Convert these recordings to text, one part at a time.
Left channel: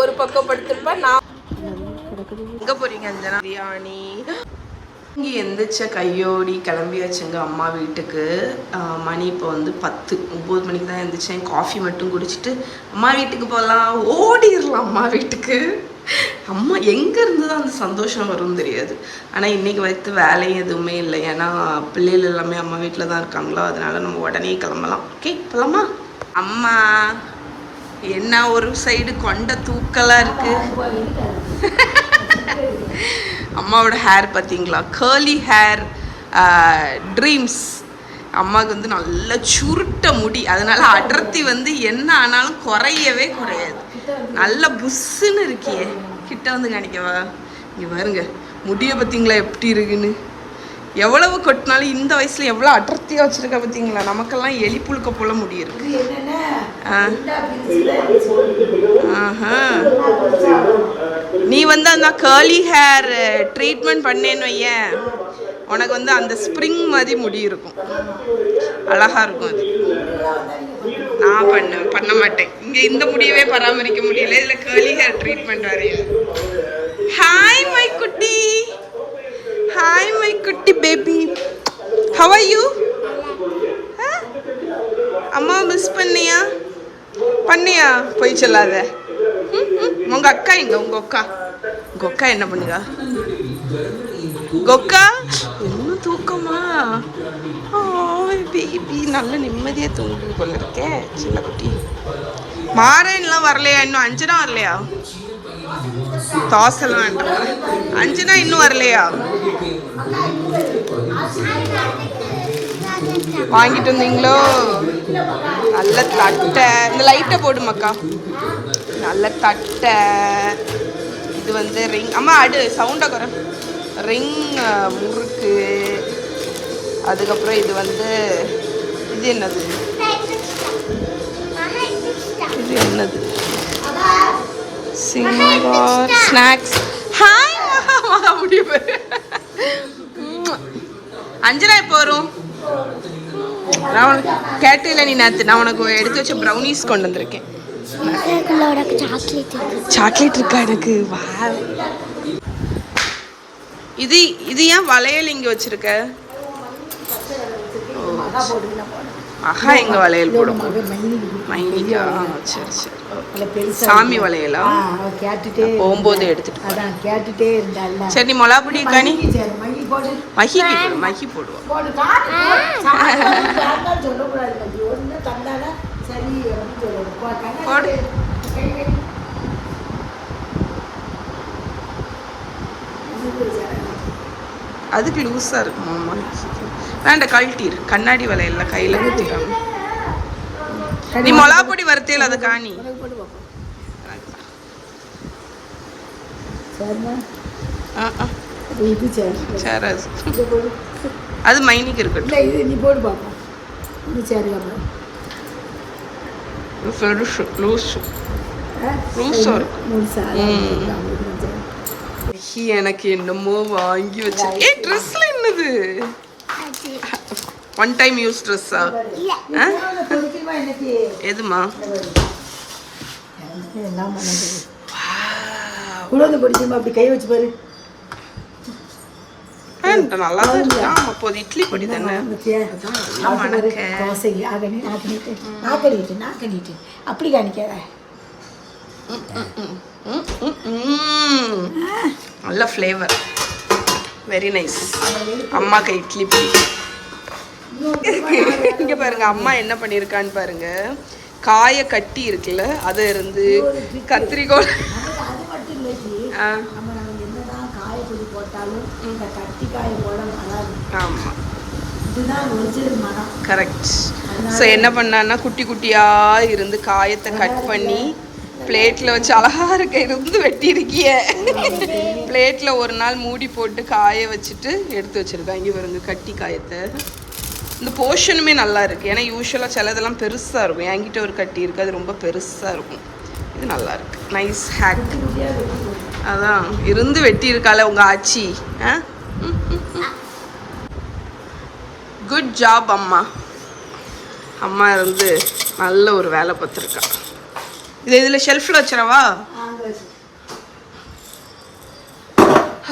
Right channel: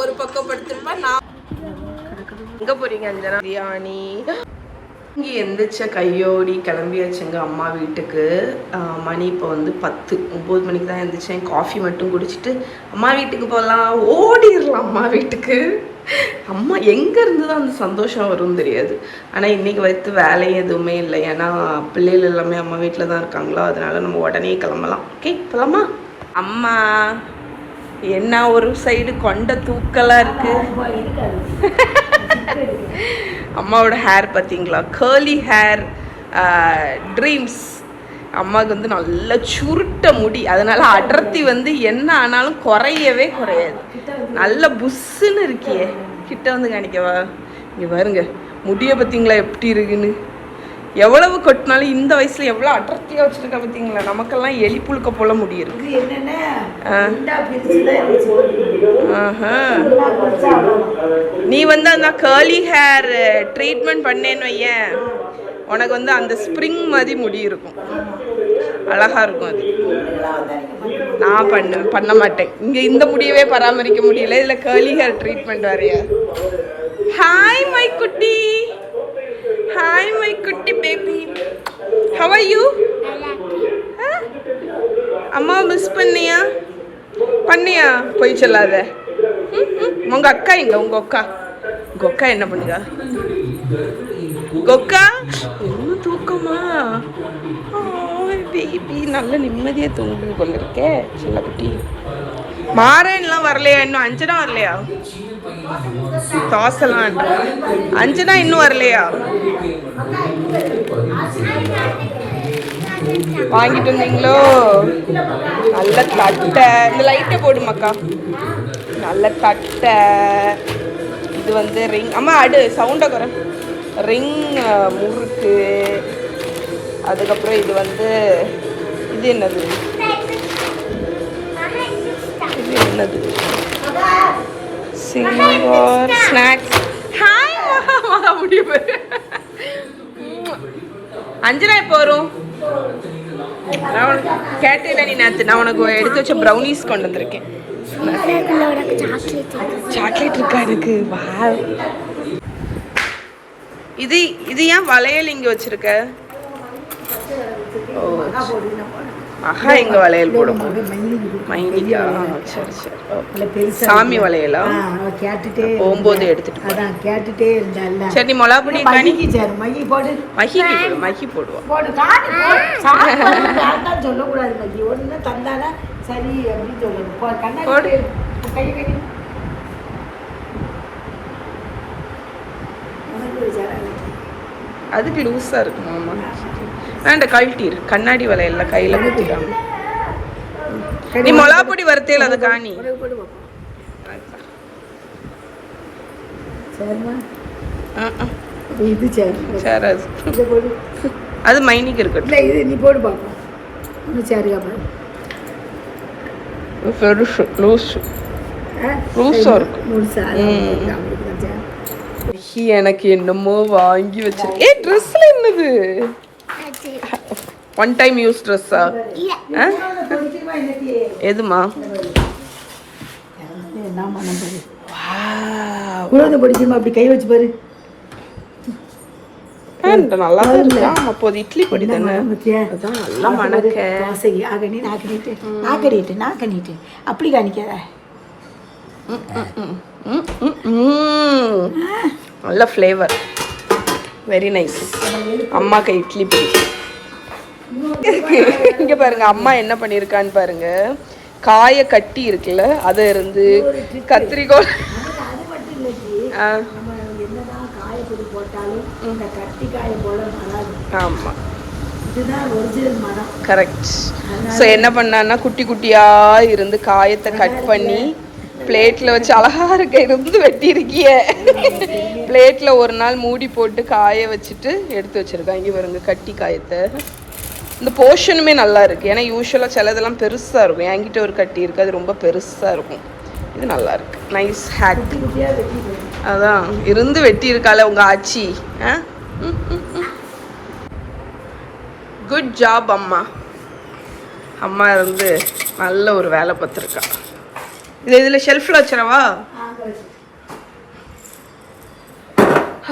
ஒரு பக்கம் படுத்திருப்பா. நான் எங்க போறீங்க அஞ்சனா? பிரியாணி. இங்கே எந்திரிச்ச கையோடி கிளம்பியாச்சுங்க அம்மா வீட்டுக்கு. மணி இப்போ வந்து 9 மணிக்கு தான் எழுந்திரிச்சேன். காஃபி மட்டும் குடிச்சிட்டு அம்மா வீட்டுக்கு போகலாம், ஓடிடலாம் அம்மா வீட்டுக்கு. அம்மா எங்கேருந்து தான் அந்த சந்தோஷம் வரும்னு தெரியாது. ஆனால் இன்றைக்கி வைத்து வேலையும் எதுவுமே இல்லை. ஏன்னா பிள்ளைகள் எல்லாமே அம்மா வீட்டில் தான் இருக்காங்களோ, அதனால நம்ம உடனே கிளம்பலாம். ஓகே போகலாமா? அம்மா என்ன ஒரு சைடு கொண்ட தூக்கலாக இருக்கு. அம்மாவோட ஹேர் பார்த்தீங்களா? Girly hair dreams. அம்மாவுக்கு வந்து நல்ல சுருட்ட முடி, அதனால அடர்த்தி வந்து என்ன ஆனாலும் குறையவே குறையாது. நல்ல புஷ்ஷுன்னு இருக்கியே. கிட்ட வந்து காணிக்கவா? இங்கே பாருங்க முடியை பார்த்தீங்களா எப்படி இருக்குன்னு. எவ்வளவு கொட்டினாலும் இந்த வயசுல எவ்வளோ அடர்த்தியாக வச்சிருக்கா பார்த்தீங்களா? நமக்கெல்லாம் எலி புழுக்க போல முடி இருக்கு. நீ வந்து அந்த கேர்லி ஹேர் ட்ரீட்மெண்ட் பண்ணேன்னு வையேன், உனக்கு வந்து அந்த ஸ்ப்ரிங் மாதிரி முடி இருக்கும், அழகா இருக்கும். அது நான் பண்ண மாட்டேன். இங்கே இந்த முடியவே பராமரிக்க முடியல, இதில் கேர்லி ஹேர் ட்ரீட்மெண்ட் வரையா. ஹாய் மை குட்டி. Hi my குட்டி பேபி. How are you? அம்மா மிஸ் பண்ணியா? போய் சொல்லாத. உங்க அக்கா எங்க? உங்க அக்கா என்ன பண்ணுறா? கொக்கா என்ன தூக்கமா? பேபி நல்ல நிம்மதியாக தூங்கு போல இருக்கே சின்ன குட்டி. மாறன்லாம் வரலையா? இன்னும் அஞ்சனா வரலையா? தோசைலாம் வேண்டாம். அஞ்சனா இன்னும் வரலையா? வாங்கிட்டு வந்தீங்களோ? நல்ல தட்டை. இந்த லைட்டை போடுமாக்கா. நல்ல தட்டை. இது வந்து ரிங். அம்மா அடு சவுண்டை குறை. ரிங் முறுக்கு. அதுக்கப்புறம் இது வந்து இது என்னது? Singer snacks. ஹாய் மகா முடிவு. அஞ்சனா இப்போ வரும். நான் உனக்கு கேட்டில்ல நீ நேற்று, நான் உனக்கு எடுத்து வச்ச ப்ரௌனிஸ் கொண்டு வந்திருக்கேன். சாக்லேட் இருக்கா எனக்கு? வா. இது ஏன் வளையல் இங்கே வச்சிருக்க? ஓ மகா எங்க வளையல் போடும்? மைனிக்கா? சரி ஓகே. சாமி வளையலா? போகும்போது எடுத்துட்டு போறேன். சரி நீ மொளாப்பொடி காணி. மகி போடுவோம். அதுக்கு லூஸா இருக்கும். ஆமா வேண்ட கழட்டிரு. கண்ணாடி வளையல்ல கையில குத்திடாம. நீ மொளாப்பொடி வறுத்தேல அதை காணி. அது மைனிக்கு இருக்கட்டும். நீ போடு பாப்போம். எனக்கு என்னமோ வாங்கி வச்சிருக்கேன். ட்ரெஸ்ல என்னது? ஒன் டைம் யூஸ் ட்ரெஸ்ஸா? எதுமா? நல்லா தான் இருக்கு. ஆமா போது இட்லி பொடி தானே, அதான் நல்லா மணக்க. அப்படி காணிக்காத. நல்ல ஃப்ளேவர், வெரி நைஸ். அம்மாக்கு இட்லி பொடி இங்க பாருங்க. அம்மா என்ன பண்ணிருக்கான்னு பாருங்க. காய கட்டி இருக்குல்ல, அதை இருந்து கத்திரிக்கோள். ஆமா கரெக்ட். ஸோ என்ன பண்ணான்னா குட்டி குட்டியா இருந்து காயத்தை கட் பண்ணி பிளேட்ல வச்சு அழகா இருக்க இருந்து வெட்டி இருக்கிய. பிளேட்ல ஒரு நாள் மூடி போட்டு காய வச்சுட்டு எடுத்து வச்சிருக்காங்க. இங்க பாருங்க கட்டி காயத்தை. இந்த போர்ஷனுமே நல்லா இருக்கு. ஏன்னா யூஸ்வலாக சிலதெல்லாம் பெருசா இருக்கும். என்கிட்ட ஒரு கட்டி இருக்கு, அது ரொம்ப பெருசா இருக்கும். இது நல்லா இருக்கு, நைஸ் ஹேக். அதான் இருந்து வெட்டி இருக்கால உங்க ஆச்சி. குட் ஜாப் அம்மா. அம்மா இருந்து நல்ல ஒரு வேலை பார்த்துருக்கா. இது இதில் ஷெல்ஃபில் வச்சிடவா?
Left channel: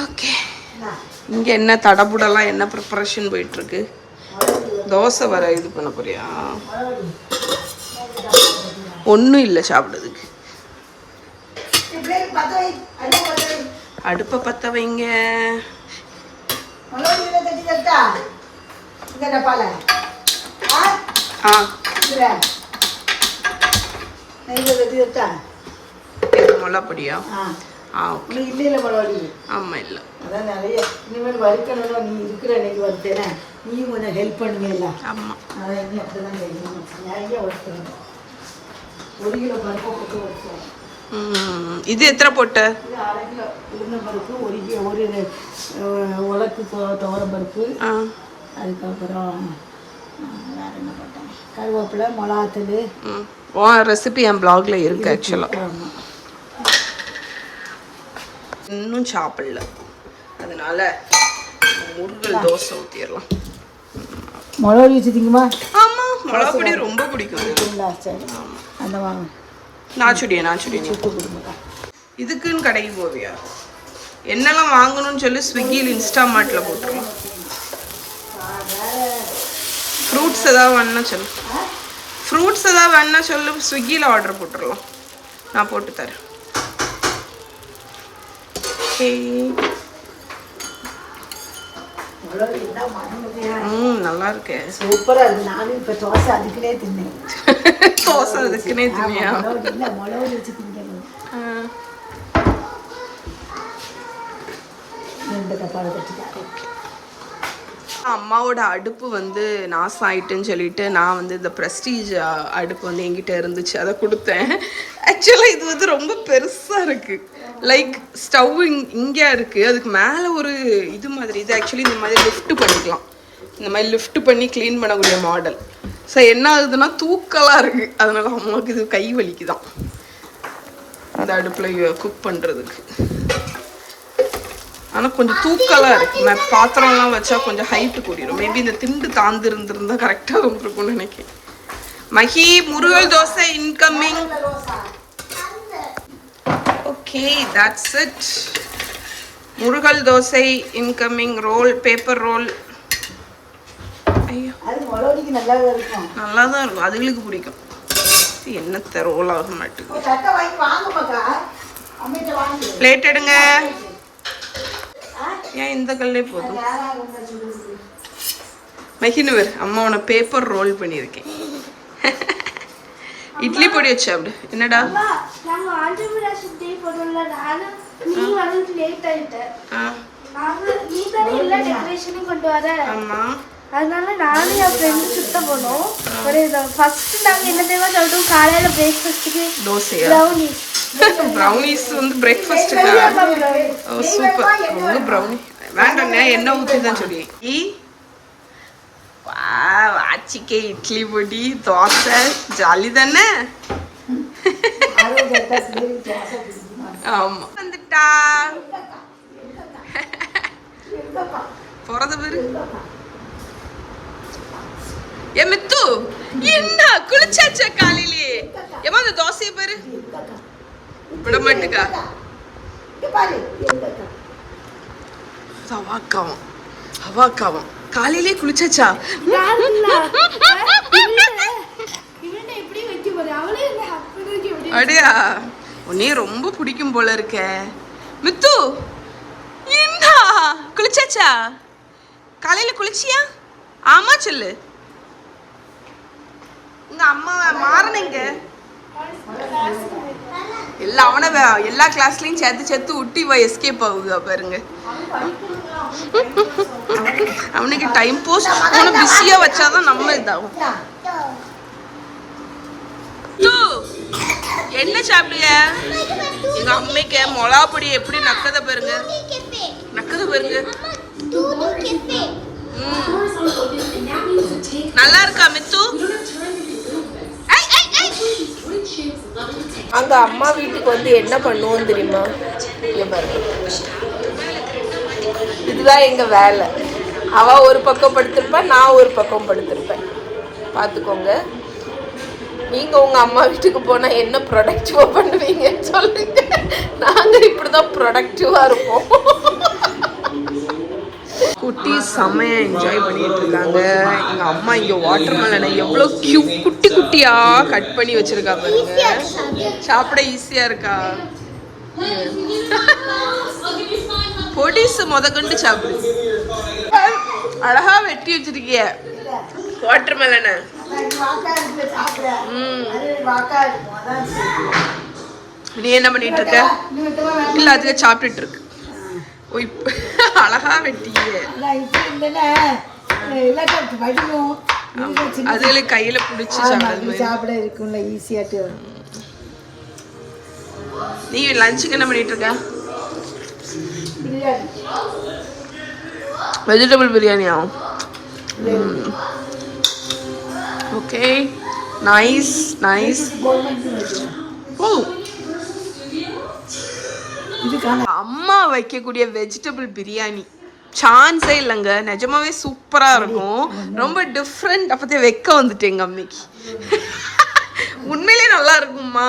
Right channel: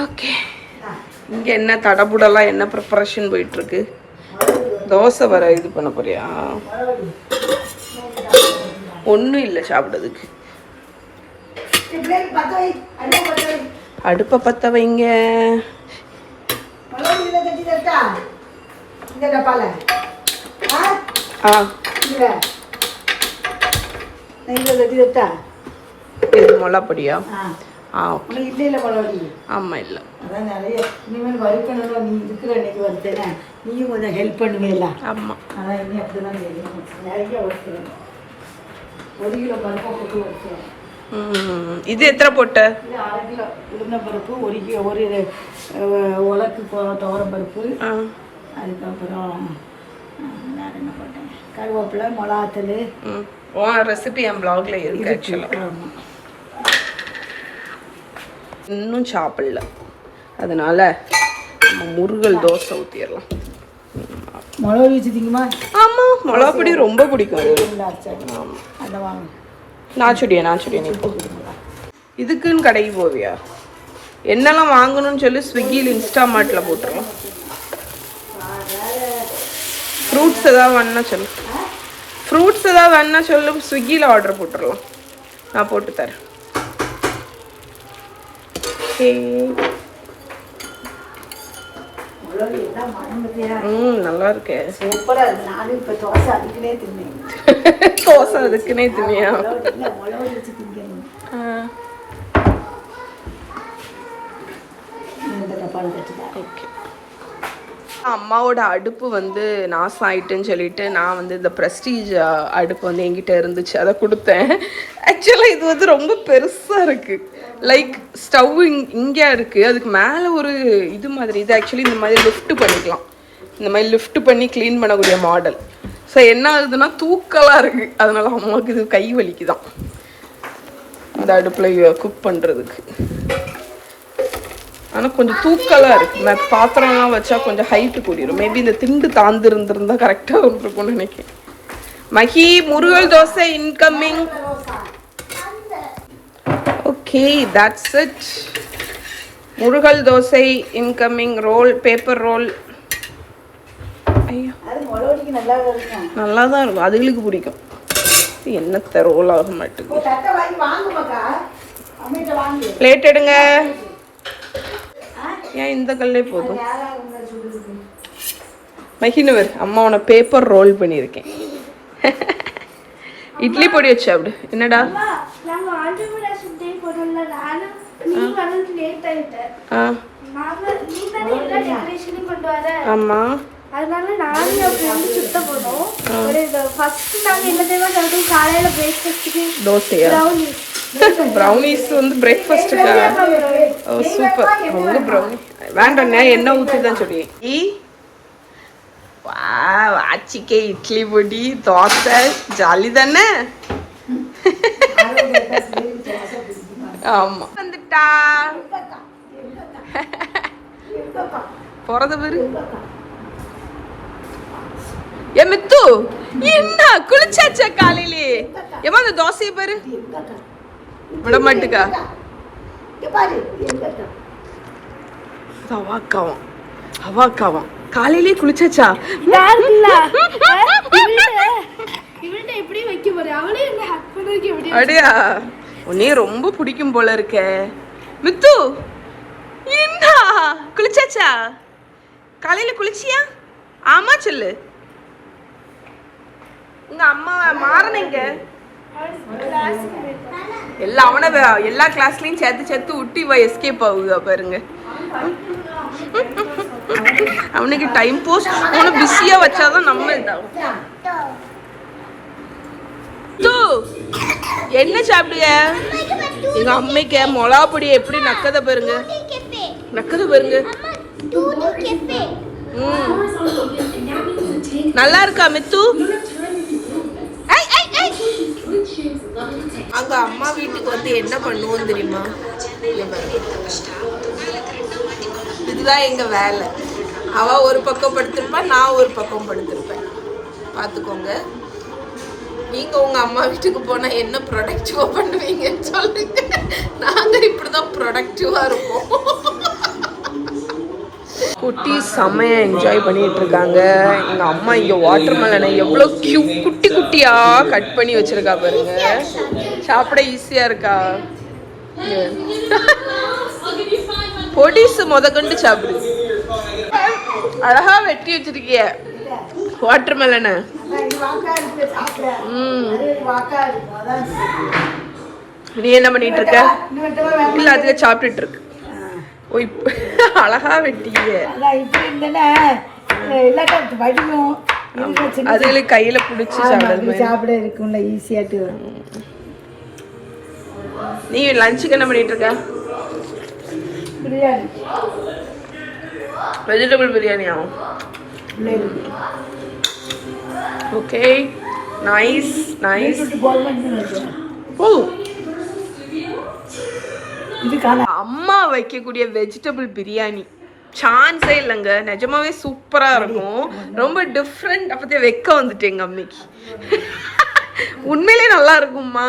ஓகே, இங்கே என்ன தடபுடலாம் என்ன ப்ரிப்பரேஷன் போயிட்டுருக்கு? தோசை வர இது பண்ண போறியா? ஒன்றும் இல்லை சாப்பிட்றதுக்கு. அடுப்பை பற்ற வைங்க. மொளப்பொடியா? ஆமா இல்ல, அதான் நிறைய இனிமேல் வறுக்கணும். நீ இருக்கிற இன்னைக்கு வருத்தேனே, நீயும் கொஞ்சம் ஹெல்ப் பண்ணுவேல. ஆமா, அதான் இனி அப்படிதான் நிறைய வறுக்கணும். 1 கிலோ பருப்பை போட்டு வறுக்கணும். இது எத்தனை போட்ட? இது 1/2 கிலோ உளுந்தம்பருப்பு, 1 கிலோ 1 உலக்கு துவரம் பருப்பு, அதுக்கப்புறம் வேற என்ன போட்டேன், கருவேப்பிலை, மிளகாத்தூள். ரெசிபி என் பிளாக்ல இருக்கு ஆக்சுவலாக. இன்னும் சாப்பிடல, அதனால முருகல் தோசை ஊற்றிடலாம். மிளகு வச்சுட்டிங்கம்மா? ஆமாம், மிளகா பொடி ரொம்ப பிடிக்கும் அது. ஆமாம், நாச்சுடியா நீ இதுக்குன்னு கடைக்கு போவியா? என்னெல்லாம் வாங்கணும்னு சொல்லி ஸ்விக்கியில் இன்ஸ்டாமார்ட்டில் போட்டுருலாம். ஃப்ரூட்ஸ் ஏதாவது வேணுன்னா சொல்லு, ஸ்விக்கியில் ஆர்டர் போட்டுடலாம், நான் போட்டு தரேன். நல்லா இருக்கே, சூப்பரா இருக்கு. நானும் இப்ப தோசை அதுக்குனே தின்னேன். தோசை அதுக்குனே தின்னியா? அம்மாவோட அடுப்பு வந்து நாசம் ஆயிட்டுன்னு சொல்லிட்டு நான் வந்து இந்த ப்ரெஸ்டீஜ் அடுப்பு வந்து என்கிட்ட இருந்துச்சு, அதை கொடுத்தேன். ஆக்சுவலாக இது வந்து ரொம்ப பெருசாக இருக்குது. லைக் ஸ்டவ் இங்கே இருக்குது, அதுக்கு மேலே ஒரு இது மாதிரி. இது ஆக்சுவலி இந்த மாதிரி லிஃப்ட் பண்ணிக்கலாம், இந்த மாதிரி லிஃப்ட் பண்ணி க்ளீன் பண்ணக்கூடிய மாடல். ஸோ என்ன ஆகுதுன்னா தூக்கலாக இருக்குது, அதனால அம்மாவுக்கு இது கை வலிக்குதான் அந்த அடுப்பில் குக் பண்ணுறதுக்கு. ஆனால் கொஞ்சம் தூக்கலாக இருக்குது, பாத்திரம்லாம் வச்சா கொஞ்சம் ஹைட்டு கூடிடும். மேபி இந்த திண்டு தாந்து இருந்திருந்தா கரெக்டாக இருந்திருக்கும்னு நினைக்கிறேன். Mahi, murugal dosa incoming. Okay, that's it. Murugal dosa incoming. Roll, paper roll. ஐயோ, நல்லா தான் இருக்கும், அதுகளுக்கு பிடிக்கும். என்னத்த ரோல் ஆக மாட்டேங்குது. பிளேட் எடுங்க. ஏன் இந்த கல்லே போதும்? மகினவர், அம்மா உன பேப்பர் ரோல் பண்ணியிருக்கேன். இட்லி பொடி வச்சு அப்படி. என்னடா ஆமா, அதனால நானும் என் ஃப்ரெண்டு சுத்த போனோம். ஒரு ஃபர்ஸ்ட் நாங்க என்ன தெரியுமா காலையில பிரேக்ஃபாஸ்ட்டுக்கு தோசையா? ப்ரௌனிஸ் வந்து பிரேக்ஃபாஸ்ட்டுக்கா? ஓ சூப்பர். அவங்க ப்ரௌனி வேண்டாம், எண்ணெய் ஊற்றி தான் சொல்லி. ஆச்சிக்கே இட்லி பொடி தோசை ஜாலி தானே. ஆமா, வந்துட்டா போறது பேரு. ஏ மித்து, என்ன குளிச்சாச்சா காலையிலே? ஏமா அந்த தோசையை பாரு, விட மாட்டுக்கா. அவாக்காவும் காலையிலே குளிச்சாச்சா? அடியா, உன்னே ரொம்ப பிடிக்கும் போல இருக்க மித்து. என்ன குளிச்சாச்சா? காலையில குளிச்சியா? ஆமா சொல்லு. உங்க அம்மா மாறனங்க எல்லாம் அவனை எல்லா கிளாஸ்லயும் சேர்த்து விட்டு இவ எஸ்கேப் ஆகுதா பாருங்க. அவனுக்கு டைம் போஸ்ட் அவனை பிஸியா வச்சாதான் நம்ம இதாகும். என்ன சாப்பிடுய? எங்க அம்மைக்கு மிளகா பொடி எப்படி நக்கத பாருங்க. நல்லா இருக்கா மித்து? அங்க அம்மா வீட்டுக்கு வந்து என்ன பண்ணுவோம் தெரியுமா? இதுதான் எங்க வேலை. அவ ஒரு பக்கம் படுத்திருப்பா, நான் ஒரு பக்கம் படுத்திருப்பேன். பார்த்துக்கோங்க. நீங்க உங்க அம்மா வீட்டுக்கு போனா என்ன ப்ரொடக்டிவா பண்ணுவீங்கன்னு சொல்லுங்க. நாங்க இப்படிதான் ப்ரொடக்டிவா இருப்போம். குட்டி செம்மையா என்ஜாய் பண்ணிட்டு இருக்காங்க. எங்க அம்மா இங்க வாட்டர் மெலனை எவ்வளவு குட்டி குட்டியா கட் பண்ணி வச்சிருக்கா பாருங்க. சாப்பிட ஈஸியா இருக்கா? பொடிசு முதக்கண்டு சாப்பிடு. அழகா வெட்டி வச்சிருக்கிய வாட்டர் மெலனை. நீ என்ன பண்ணிட்டு இருக்க? இல்ல அதுக்கு சாப்பிட்டுட்டு இருக்கு. ஓ இப்ப அழகா வெட்டிய அதுல கையில புடிச்சு சாப்பிட இருக்கும்ல ஈஸியாட்டு. நீ லஞ்சுக்கு என்ன பண்ணிட்டு இருக்க? பிரியாணி, வெஜிடபிள் பிரியாணியா? Okay, nice nice. அம்மா வைக்கக்கூடிய வெஜிடபிள் பிரியாணி சான்ஸே இல்லைங்க. நிஜமாவே சூப்பரா இருக்கும். ரொம்ப டிஃப்ரெண்ட். அப்பதே வைக்க வந்துட்டேன் எங்க அம்மைக்கு. உண்மையிலே நல்லா இருக்கும்மா.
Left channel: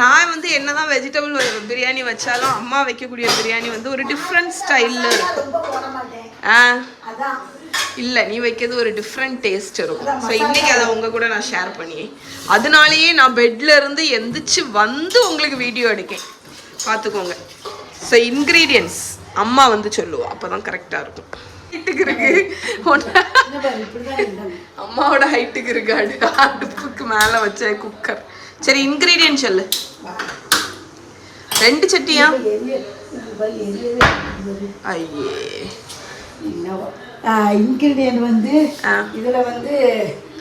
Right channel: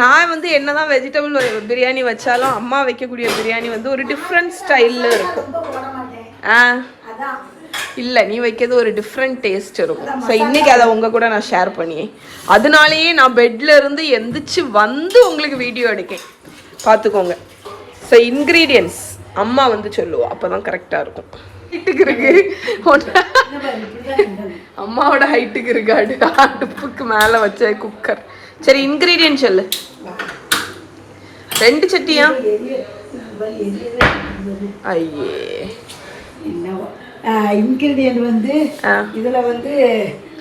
நான் வந்து என்னதான் வெஜிடபிள் பிரியாணி வச்சாலும் அம்மா வைக்கக்கூடிய பிரியாணி வந்து ஒரு டிஃப்ரெண்ட் ஸ்டைல்ல இருக்கும். இல்லை, நீ வைக்கிறது ஒரு டிஃப்ரெண்ட் டேஸ்ட் இருக்கும். ஸோ இன்னைக்கு அதை உங்க கூட நான் ஷேர் பண்ணி, அதனாலேயே நான் பெட்ல இருந்து எந்திரிச்சு வந்து உங்களுக்கு வீடியோ எடுக்கேன். பார்த்துக்கோங்க. ஸோ இன்க்ரீடியன்ஸ் அம்மா வந்து சொல்லுவோம், அப்போதான் கரெக்டாக இருக்கும். ஹைட்டுக்கு இருக்கு அம்மாவோட ஹைட்டுக்கு இருக்கு அடுப்புக்கு மேலே வச்ச குக்கர். சரி, இன்க்ரீடியன்ட் சொல்லு. 2 சட்டியா? ஐயே, இன்கிரீடியன்ட் வந்து இதுல வந்து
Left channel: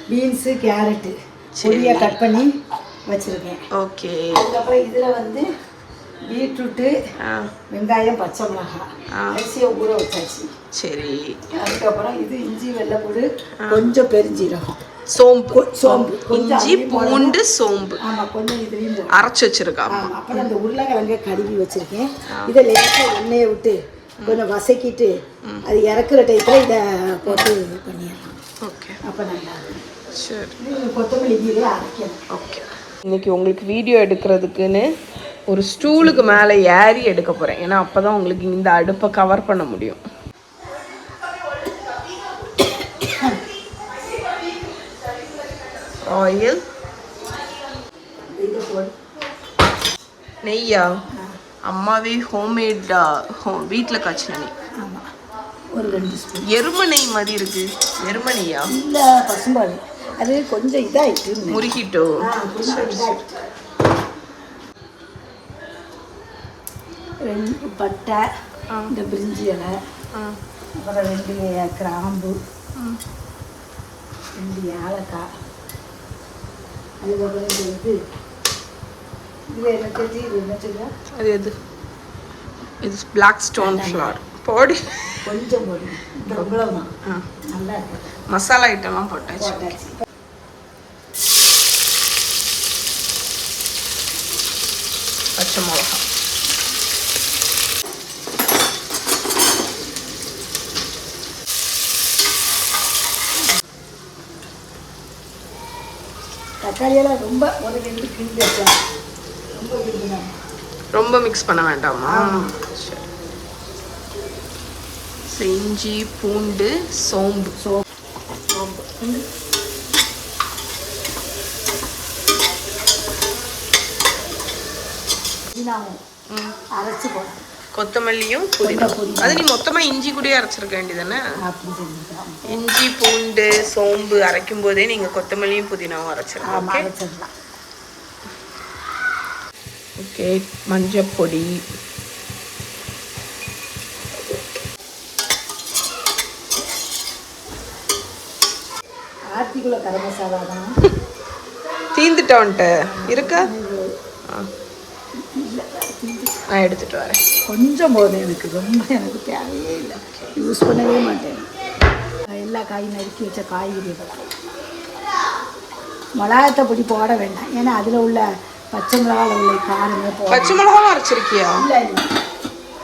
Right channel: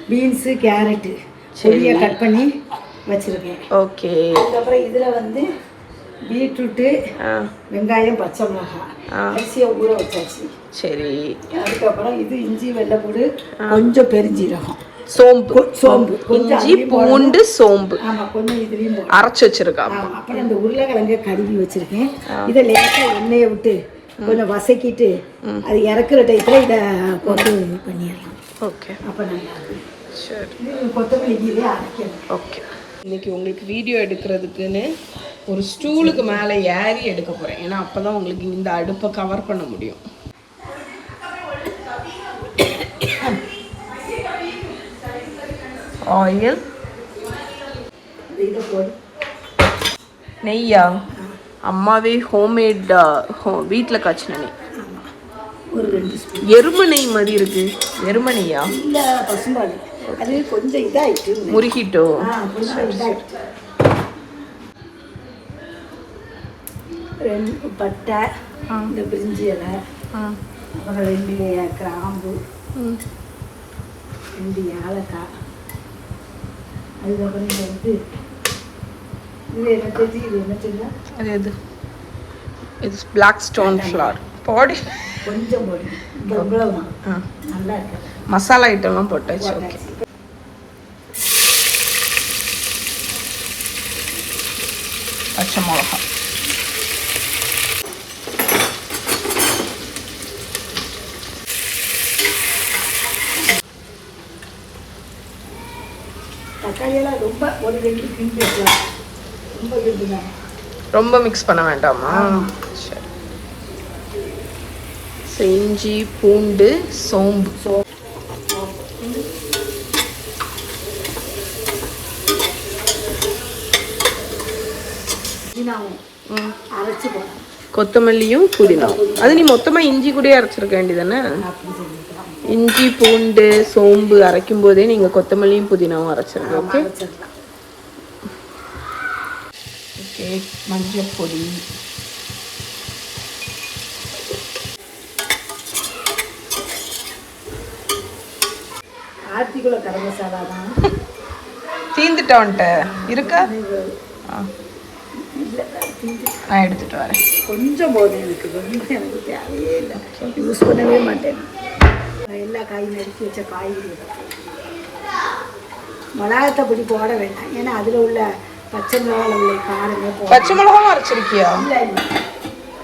பீன்ஸு, கேரட்டு பொடியாக கட் பண்ணி வச்சிருக்கேன். ஓகே. அதுக்கப்புறம் இதுல வந்து பீட்ரூட்டு, வெங்காயம், பச்சை மிளகாய், அரிசியை ஊற வச்சாச்சு. சரி. அதுக்கப்புறம் இது இஞ்சி, வெள்ளைப்பூடு, கொஞ்சம் பெருஞ்சீரகம், சோம்பு, இஞ்சி, பூண்டு, சோம்பு. ஆமா, கொஞ்சம் இதுலயும் அரைச்சு வச்சிருக்கா. அப்புறம் இந்த உருளைக்கிழங்க கழுவி வச்சிருக்கேன். இதை லேசாக எண்ணெயை விட்டு கொஞ்சம் வசக்கிட்டு அது இறக்குற டைத்துல இதை போட்டு பண்ணிடலாம். ஓகே, அப்போ நல்லா இருக்கும். சரி, கொத்தமல்லி கீரை அரைக்கணும். ஓகே. இன்னைக்கு உங்களுக்கு வீடியோ எடுக்கிறதுக்குன்னு ஒரு ஸ்டூலுக்கு மேலே ஏறி எடுக்க போகிறேன். ஏன்னா அப்போ தான் உங்களுக்கு இந்த அடுப்பை கவர் பண்ண முடியும். ஆயில், நெய்யா? அம்மாவே ஹோம்மேட் வீட்டில் காய்ச்சின நெய். ஒரு 2 ஸ்பூன் எருமை நெய் மாதிரி இருக்கு. எருமை நெய்யா? இல்லை, பசும்பால். அது கொஞ்சம் இதாகிட்டு முருகிட்டோ. ரெண்டு பட்டை, இந்த பிரிஞ்சி இலை, அப்புறம் 2 கிராம்பு, 2 ஏலக்காய், அதுக்கப்புறம் இந்த இது என்ன அது எது? இது பிளாக் ஸ்டோன் ஃப்ளவர். போடி, கொஞ்சம் போடு. இவ்வளவுதான். நல்லா இருக்கு. மசாலா ஐட்டம்லாம் போட்டாச்சு. ஓகே. பச்சை மிளகா, தக்காளியெல்லாம் ரொம்ப ஒரு 2 கிண்டி வைக்கலாம். ரொம்ப கிண்டுதான். ரொம்ப மிக்ஸ் பண்ண வேண்டாமா? சரி. இஞ்சி, பூண்டு, சோம்பு. அரைச்சி போடணும். கொத்தமல்லியும் புதினாவும். அது நீ மொத்தமா இஞ்சி கூட அரைச்சிருக்க வேண்டியதானே? இஞ்சி, பூண்டு, சோம்பு அரைக்கும் போதே நீங்க கொத்தமல்லியும் புதினாவும் அரைச்சிருங்க. ஓகே. ஓகே, மஞ்சள் பொடி, ஆர்த்திக்குள்ள கரம் மசாலா தான் தீந்துட்டோன்ட்டு இருக்கா? நான் எடுத்துட்டு வரேன். கொஞ்சம் போதும் எனக்கு, ரொம்ப எனக்கு தேவையே இல்லை, யூஸ் பண்ணவே மாட்டேன். எல்லா காயும் நறுக்கி வச்ச காய்கறிகள். மிளகாத்த பொடி போட வேண்டாம், ஏன்னா அதில் உள்ள பச்சை மிளகாவில் உள்ள காரமே போட. பச்சை மிளகாவும் அரைச்சிருக்கியா? இல்லை,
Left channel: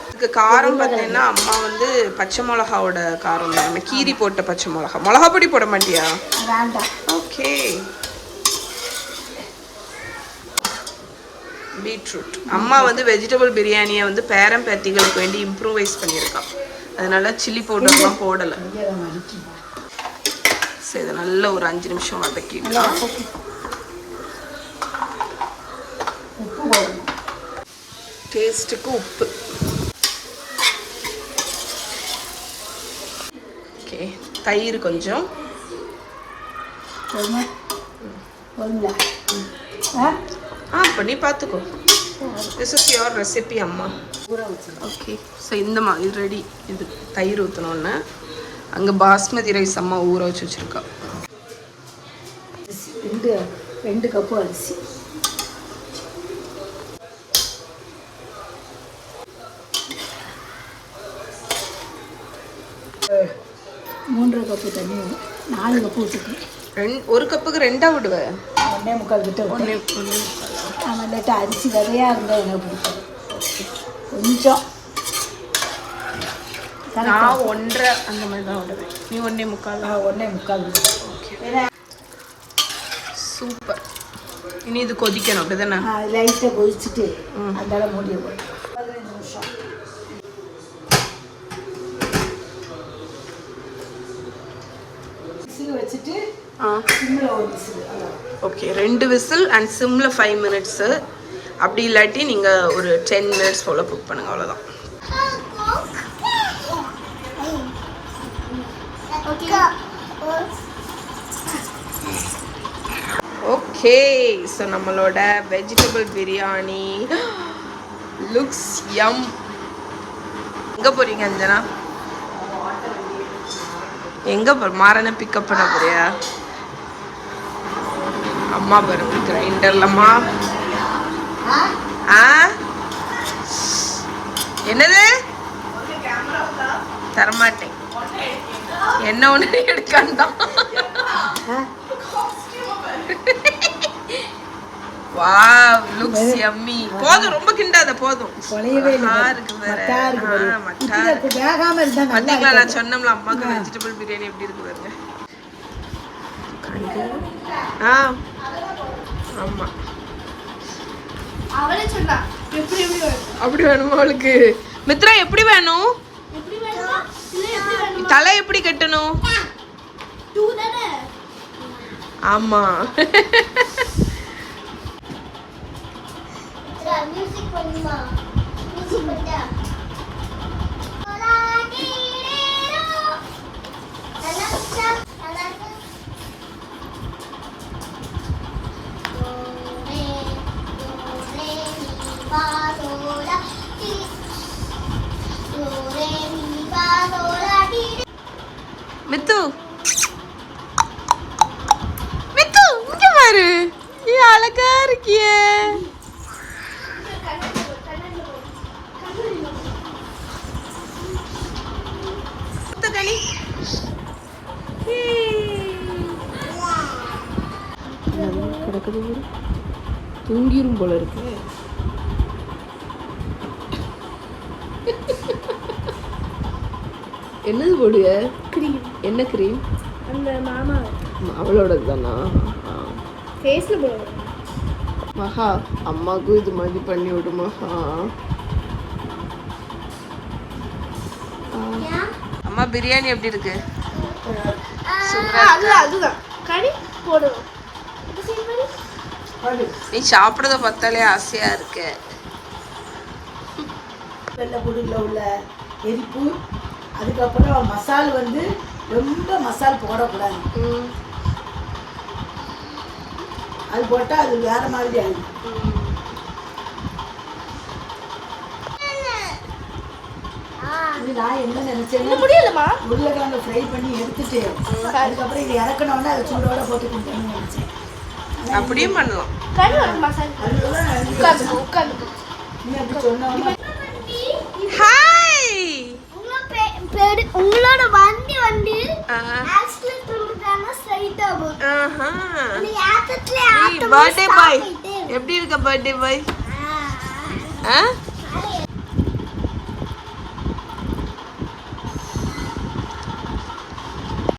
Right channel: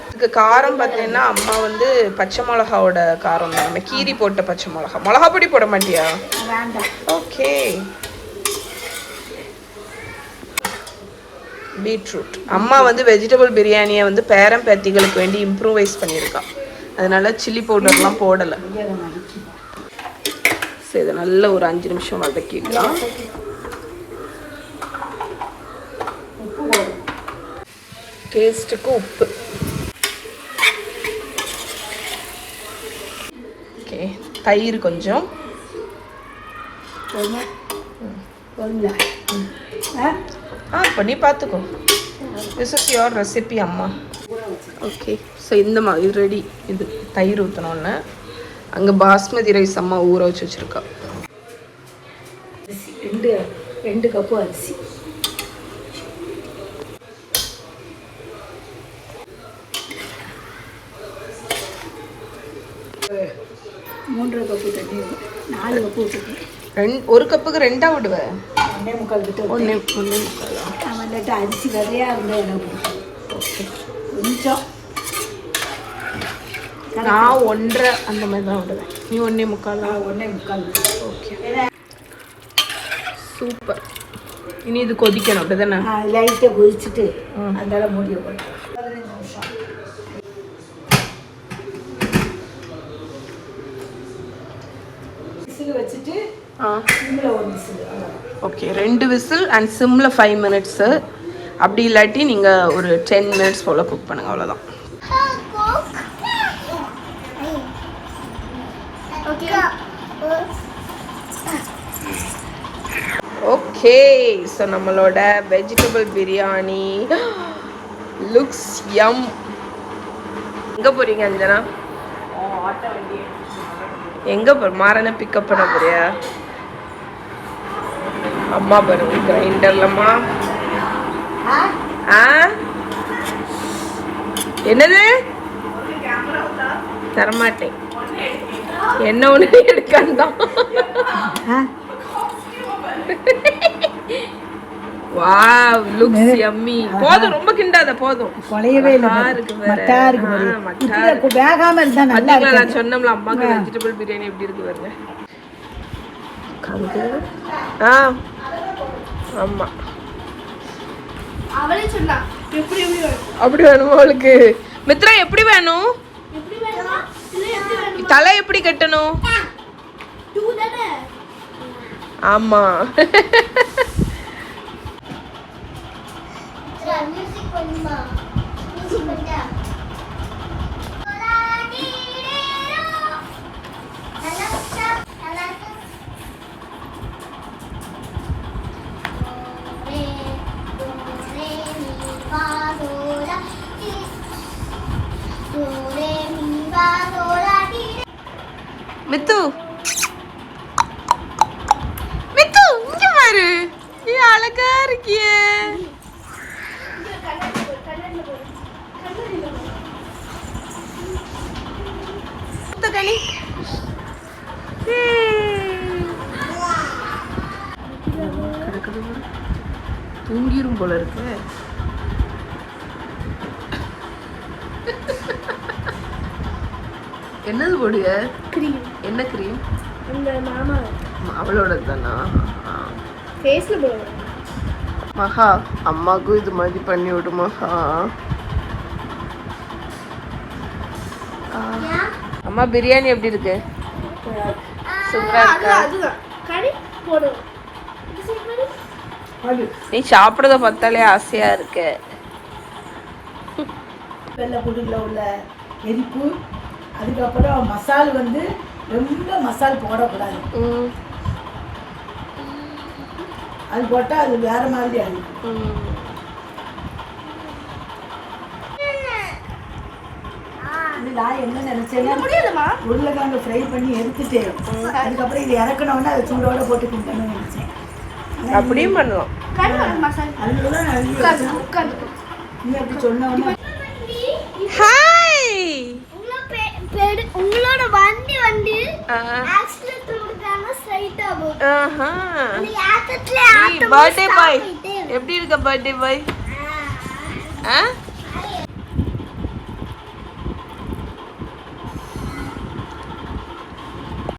இதுக்கு காரம் பார்த்தீங்கன்னா அம்மா வந்து பச்சை மிளகாவோட காரம் தான். நம்ம கீரி போட்ட பச்சை மிளகா. மிளகா பொடி போட மாட்டியா? வேண்டாம். ஓகே. பீட்ரூட். அம்மா வந்து வெஜிடபிள் பிரியாணியை வந்து பேரன் பேத்திகளுக்கு வேண்டி இம்ப்ரூவைஸ் பண்ணியிருக்கா. அதனால சில்லி பவுடர்லாம் போடலை. சரி, இதை நல்ல ஒரு 5 நிமிஷம் வதக்கிடலாம். டேஸ்ட்டுக்கு உப்பு. ஓகே, தயிர் கொஞ்சம். பண்ணி பார்த்துக்கோ. திஸ் இஸ் யுவர் ரெசிபி அம்மா. ஓகே, ஸோ இந்த மாதிரி ரெடி. இது தயிர் ஊற்றினோன்னே அங்கே பாஸ்மதி ரைஸ் அம்மா ஊற வச்சு வச்சுருக்கா. 2 கப்பு அரிசி, 3 கப்பு தண்ணி, 4 கப்பு ஊற்றிக்கேன். 1 கப்புக்கு 2 விடுவேன். 1.25 கிட்ட 1.25. நம்ம இல்லாட்ட அரிசி விதையாக இருந்தால் இடம் ஓகே. கொஞ்சம் நான் 1.5 அந்த மாதிரி தான் விடுவேன். நீ 1.25. 1.25. Okay, super. இனி இது கொதிக்கணும் அப்படி தானே? லைட்டாக கொதிச்சுட்டு அந்த இடம் மூடிய போய் 15 நிமிஷம் விசில் வச்சுட்டு சிம்மில் 1 விசில். ஓகே, 2 விசில் அண்ட் சிம்மில் 5 மினிட்ஸு. அப்படி இல்லாட்டி நீங்கள் ஒரு 10 மினிட்ஸ் போல் குக் பண்ணுங்கள், அவ்வளோதான். ஓகே, ஸோ நம்மளோட வெஜிடபிள் பிரியாணி லுக்ஸ் யம். எங்கே போகிறீங்க அஞ்சனா? எங்கே மாறனை பிக்கப் பண்ண போறியா? அம்மா பாருங்க கிரைண்டர்லம்மா. என்னது? தரமாட்டேன். என்ன ஒன்று எடுக்காந்தான். Wow, looks yummy. போதும், ரொம்ப கிண்டாத, போதும். இருக்கு வேற. பாத்தீங்களா, நான் சொன்னோம்ல அம்மாக்கு வெஜிடபிள் பிரியாணி எப்படி இருக்கு பாருங்க. ஆமா, அப்படி வேணுமா அவளுக்கு? மித்ரா எப்படி வேணும்? தலை எப்படி கட்டணும்? ஆமா. மித்து, மித்து இங்க பாரு, நீ அழகா இருக்கியே. களி கிடக்குது, தூங்கிரும் போல இருக்கு. என்னது போடுங்க? கிரீம். என்ன கிரீம்? அந்த மாமா அவளோட தானா? ஃபேஸ்ல போடுங்க. மகா, அம்மாக்கும் இது மாதிரி பண்ணி விடு மகா. அம்மா பிரியாணி எப்படி இருக்கு? சூப்பரா இருக்கா? நீ சாப்பிடுறத பார்த்தாலே ஆசையா இருக்கு. வெள்ளைப்பூண்டுல உள்ள எரிப்பு, அதுக்கப்புறம் மசால் வந்து ரொம்ப மசால் போடக்கூடாது. அது போட்டால் அது வேற மாதிரி ஆகிடும். இது நான் என்ன நினைச்சேன்னா, உருளைக்கிழங்கு ஃப்ரை பண்ணி எடுத்துட்டு அதுக்கப்புறம் இது இறக்கணும்னா அதை சூடோட போட்டு கொடுக்கணும்னு நினைச்சேன். அப்படியும் பண்ணலாம். அதுக்குதான் நான் இன்னும் அப்படி சொன்னோம்னா. ஹாய், உங்களோட வண்டி வந்து ஆக்சிலேட்டர் கொடுத்தாங்க ஸ்ட்ரைட்டா போகுது. நீ ஆட்டத்துல பர்த்டே பாய் எப்படி இருக்க? Birthday boy